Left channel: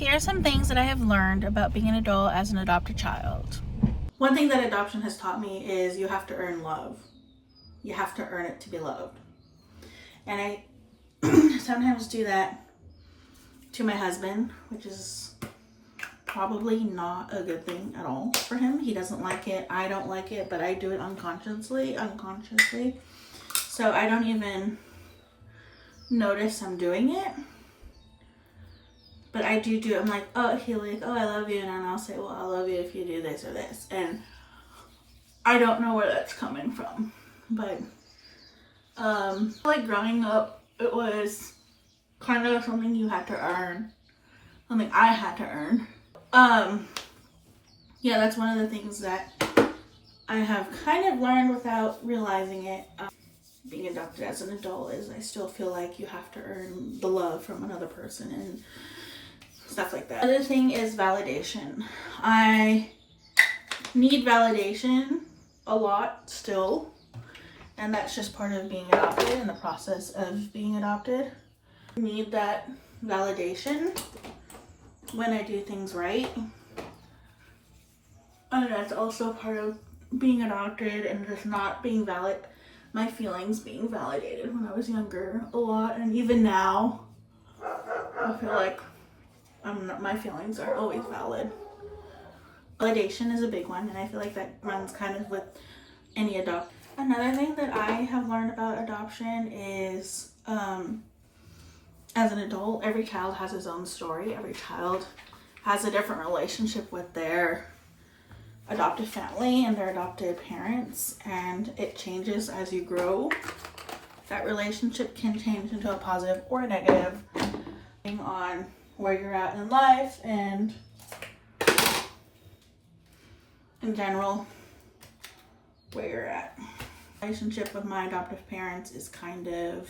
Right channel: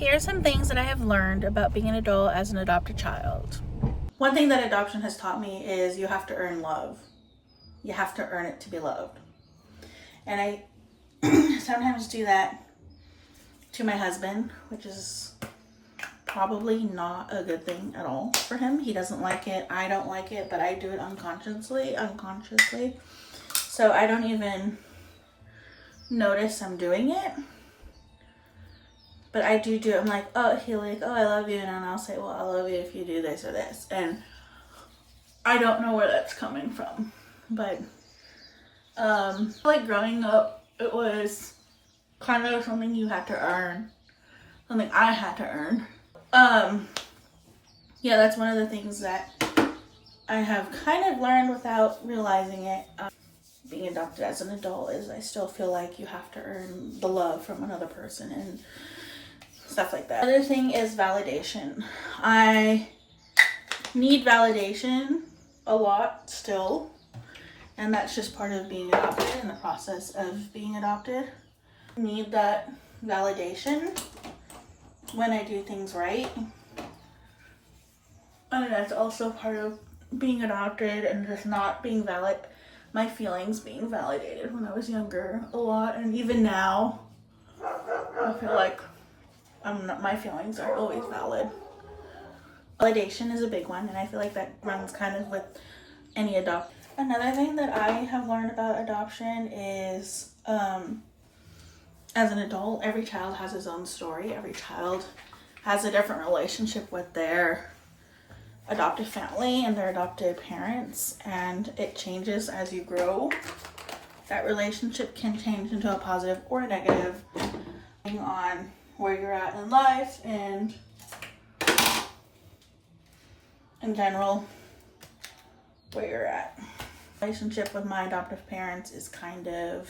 Here are some things that I have learned about being an adult as an adopted child. One thing that adoption has taught me is you have to earn love. You have to earn it to be loved. And I sometimes do that to my husband, which is probably not a good thing at all for him. He doesn't like it. I don't like it, but I do it unconsciously. So I don't even notice I'm doing it. But I do it. I'm like, oh, I love you. And then I'll say, well, I love you if you do this or this. And I don't know where that's coming from. But, like growing up, it was kind of something you had to earn. Something I had to earn. Yeah, that's one of the things that I have kind of learned without realizing it. Being adopted as an adult is I still feel like you have to earn the love from another person and stuff like that. Other thing is validation. I need validation a lot still, and that's just part of being adopted and the process of being adopted. I need that validation when I do things right. And that's also part of being adopted and just not being valid. My feelings being validated when I was younger a lot, and even now I feel like my feelings are always valid. Validation is a big one, and I feel like that runs kind of with any adoption. Another thing that I have learned about adoption is as an adult, every child has his own story. Every child has a different relationship with their adopted family and their adopted parents, and it changes as you grow. That relationship can change into a positive or a negative depending on where you're at in life and in general where you're at. Relationship with my adoptive parents is kind of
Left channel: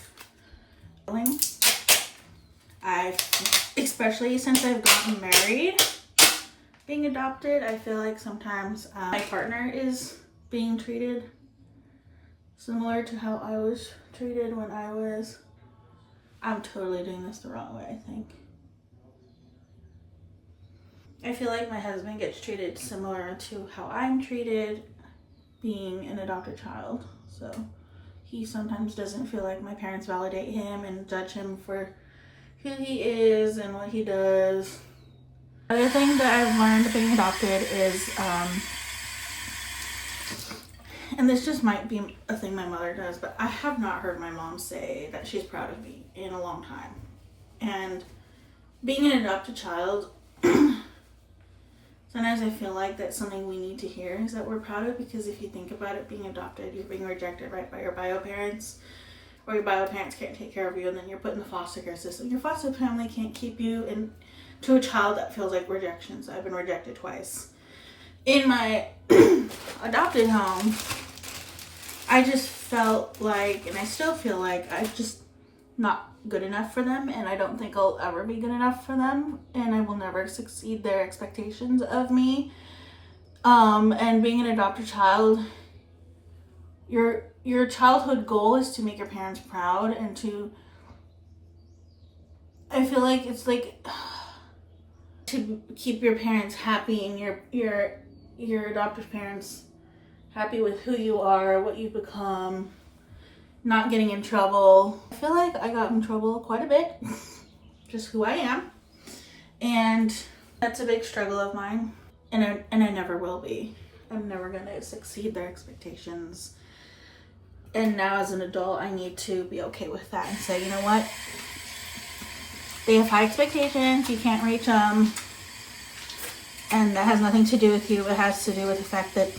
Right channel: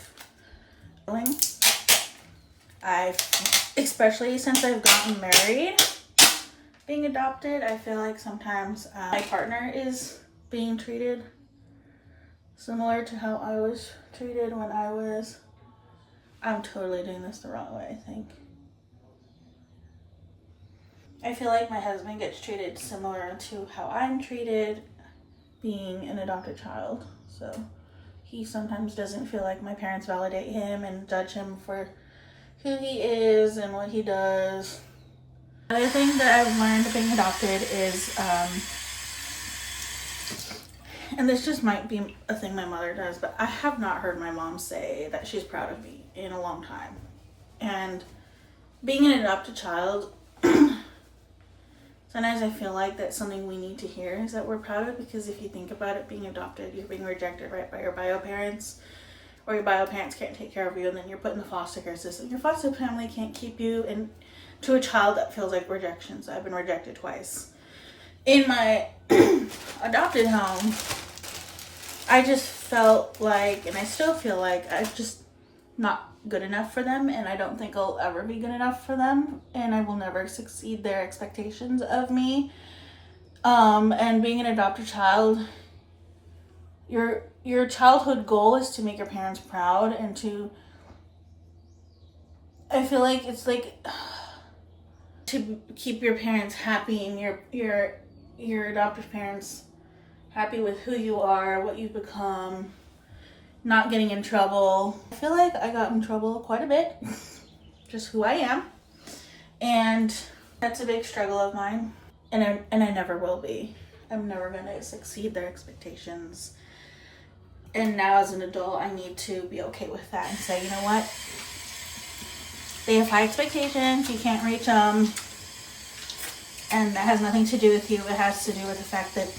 especially since I've gotten married. Being adopted, I feel like sometimes my partner is being treated similar to how I was treated when I'm totally doing this the wrong way, I think. I feel like my husband gets treated similar to how I'm treated being an adopted child. So he sometimes doesn't feel like my parents validate him and judge him for who he is and what he does. Another thing that I've learned being adopted is, and this just might be a thing my mother does, but I have not heard my mom say that she's proud of me in a long time. And being an adopted child, sometimes I feel like that's something we need to hear, is that we're proud of, because if you think about it, being adopted, you're being rejected right by your bio parents, or your bio parents can't take care of you, and then you're put in the foster care system. Your foster family can't keep you, and to a child that feels like rejection. So I've been rejected twice. In my adopted home, I just felt like, and I still feel like, I'm just not good enough for them, and I don't think I'll ever be good enough for them, and I will never succeed their expectations of me. And being an adopted child, your childhood goal is to make your parents proud, and I feel like it's like to keep your parents happy and your adoptive parents happy with who you are, what you've become, not getting in trouble. I feel like I got in trouble quite a bit, just who I am, and that's a big struggle of mine, and I never will be. I'm never gonna succeed their expectations. And now as an adult, I need to be okay with that and say, you know what? They have high expectations, you can't reach them, and that has nothing to do with you. It has to do with the fact that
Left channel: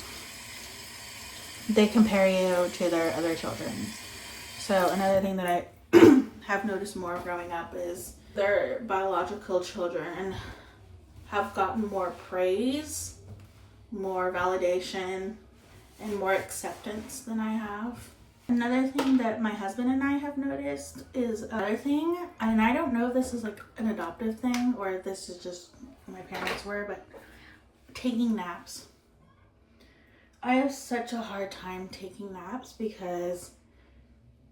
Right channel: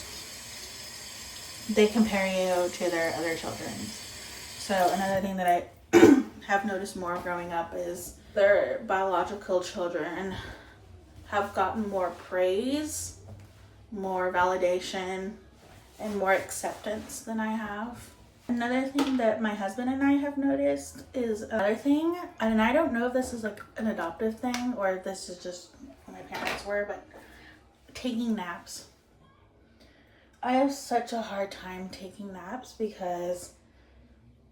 they compare you to their other children. So another thing that I have noticed more growing up is their biological children have gotten more praise, more validation, and more acceptance than I have. Another thing that my husband and I have noticed is another thing, and I don't know if this is like an adoptive thing or if this is just who my parents were, but taking naps. I have such a hard time taking naps because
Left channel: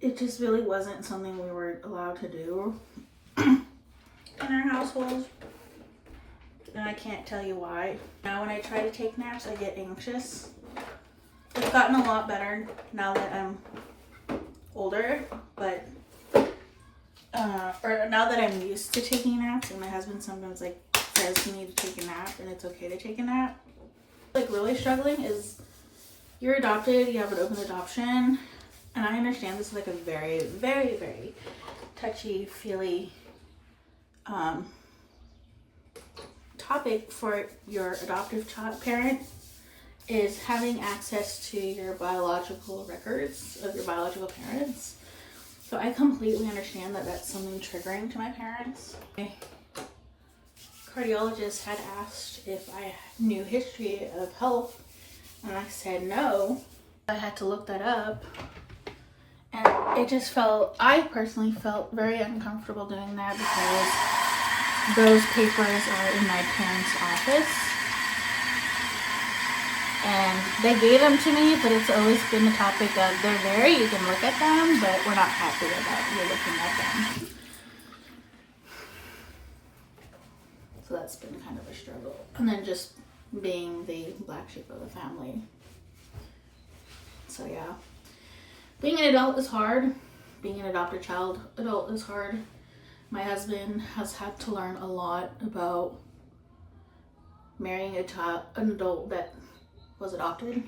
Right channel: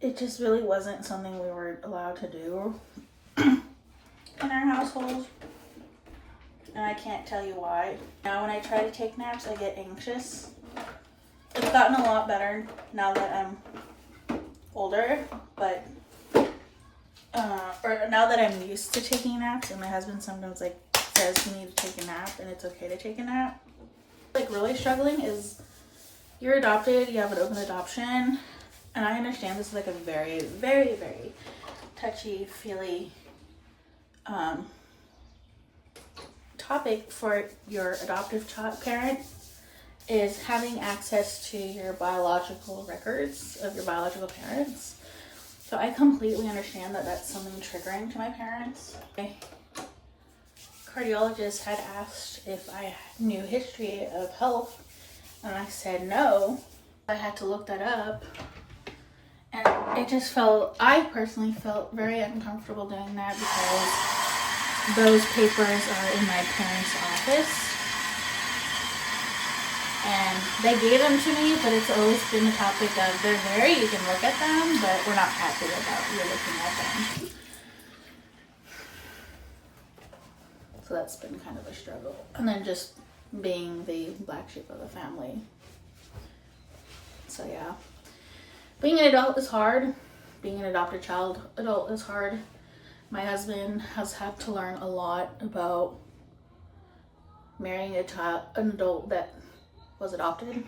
it just really wasn't something we were allowed to do in our household. and I can't tell you why. Now when I try to take naps, I get anxious. It's gotten a lot better now that I'm older, but or now that I'm used to taking naps, and my husband sometimes like says you need to take a nap and it's okay to take a nap. Like really struggling is you're adopted, you have an open adoption, and I understand this is like a very, very, very touchy-feely topic for your adoptive parent, is having access to your biological records of your biological parents. So I completely understand that that's something triggering to my parents. My cardiologist had asked if I knew history of health, and I said no. I had to look that up, and I personally felt very uncomfortable doing that because those papers are in my parents' office. And they gave them to me, but it's always been the topic of they're there, you can look at them, but we're not happy about you looking at them. So that's been kind of a struggle. And then just being the black sheep of the family. So yeah. Being an adult is hard. Being an adopted adult is hard. My husband has had to learn a lot about marrying an adult that was adopted.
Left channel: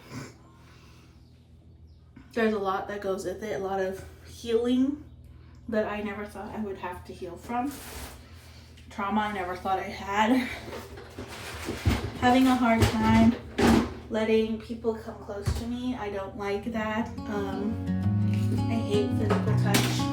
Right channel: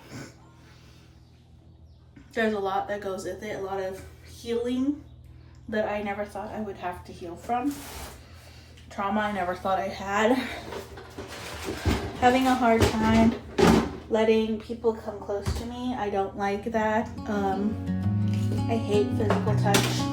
There's a lot that goes with it, a lot of healing that I never thought I would have to heal from. Trauma I never thought I had. Having a hard time letting people come close to me. I don't like that. I hate physical touch.